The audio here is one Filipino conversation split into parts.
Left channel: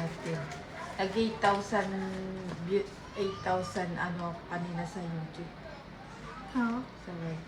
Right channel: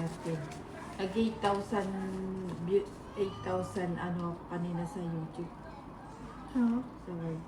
Nag-8,000 8,000 ano kanina sa YouTube. Oo. Sa right.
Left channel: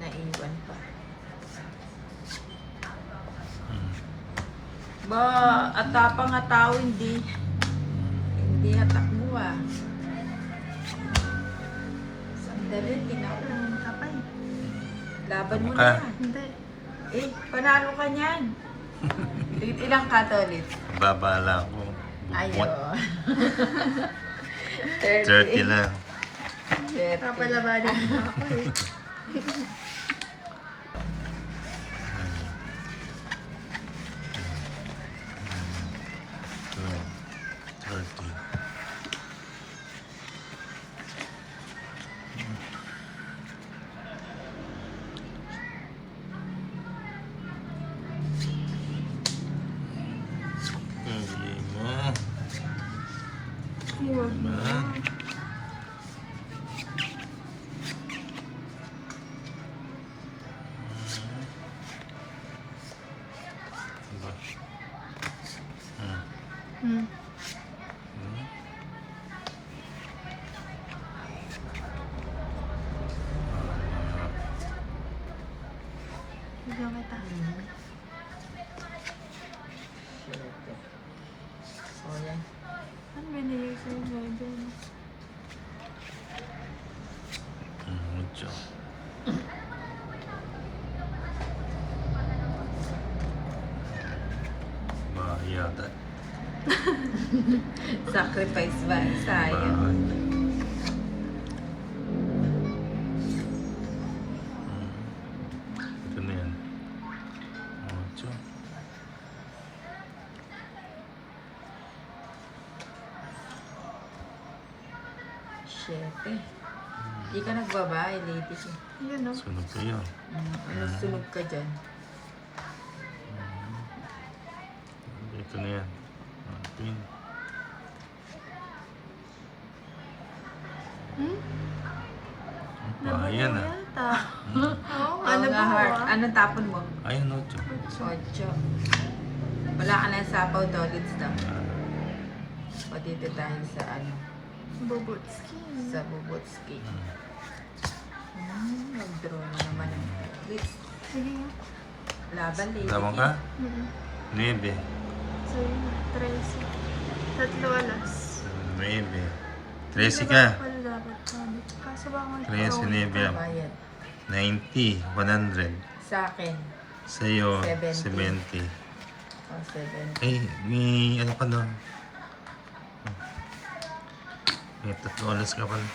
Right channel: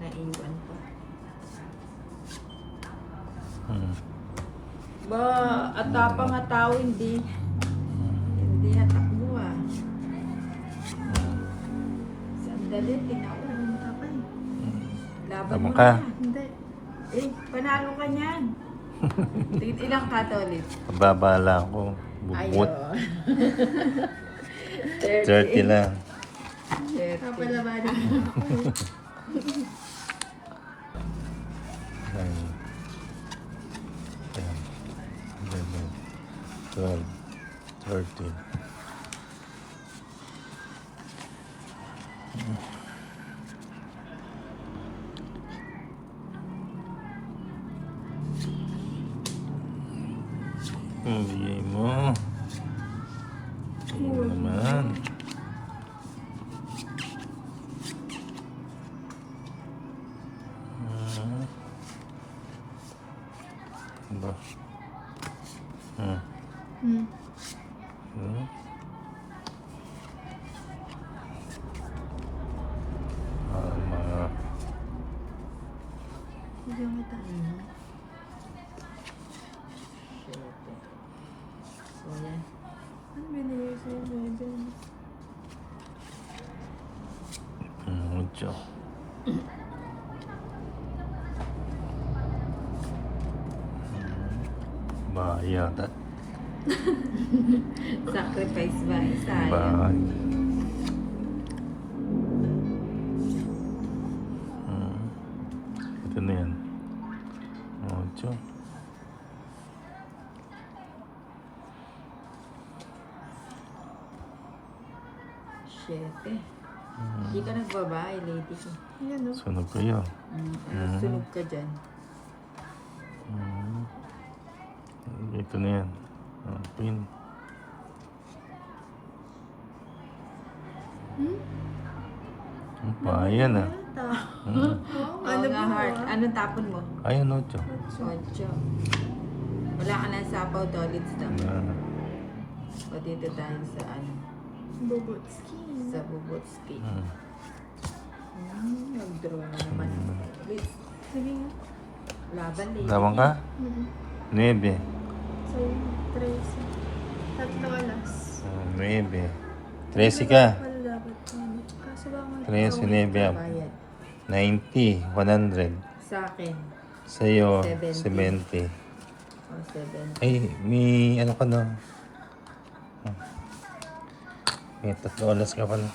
Naiwan pa. Ba, atapang nga tao hindi hatak mo ah. Sandali, tinakunin ka pa eh. Laban mo Ka. na. Hindi. Eh, panalo ka niyan. Ilang ka to ulit? Babala ko. Bubut. Ayaw. 30 lang. Papalabanin mo ako eh. Right. 30. Hindi mo. Huwag mo. Naman. Aba. Hmm. Bigyan kita. O yan. Ano binigay ko yung bebe? Mucho. Bahaya. Sacrifice ba? Sayang. Bahay. Ito na yan. Mucho. Siyete. Hindi ka nagbabae, ladies. Yun o. Sunog kayo. Sunog ka dyan. Ito na yan. Pin. Bahaya na. Yata. Oo, Ano ano nga, ba heart? ah? Anong tapon mo? Ayan, Ocho. Ocho. Wala ka na sapaw, Dolitz daw. O dito tayo sa ano, Bobotski. sa Bubutski. Nag-draw na naman. Please, Sige nga. laban lady. Laban ka? Nuebe. So, 13. Tatlo alas. Nuebe. 13 ka. Ano dapat? Kaso ba nga? 13, nuebe. Bayad. 90, 100. Sa akin. Sa'yo, 70. 70. O, 7. Ay, may ano ka na? May 3 oras ka pala.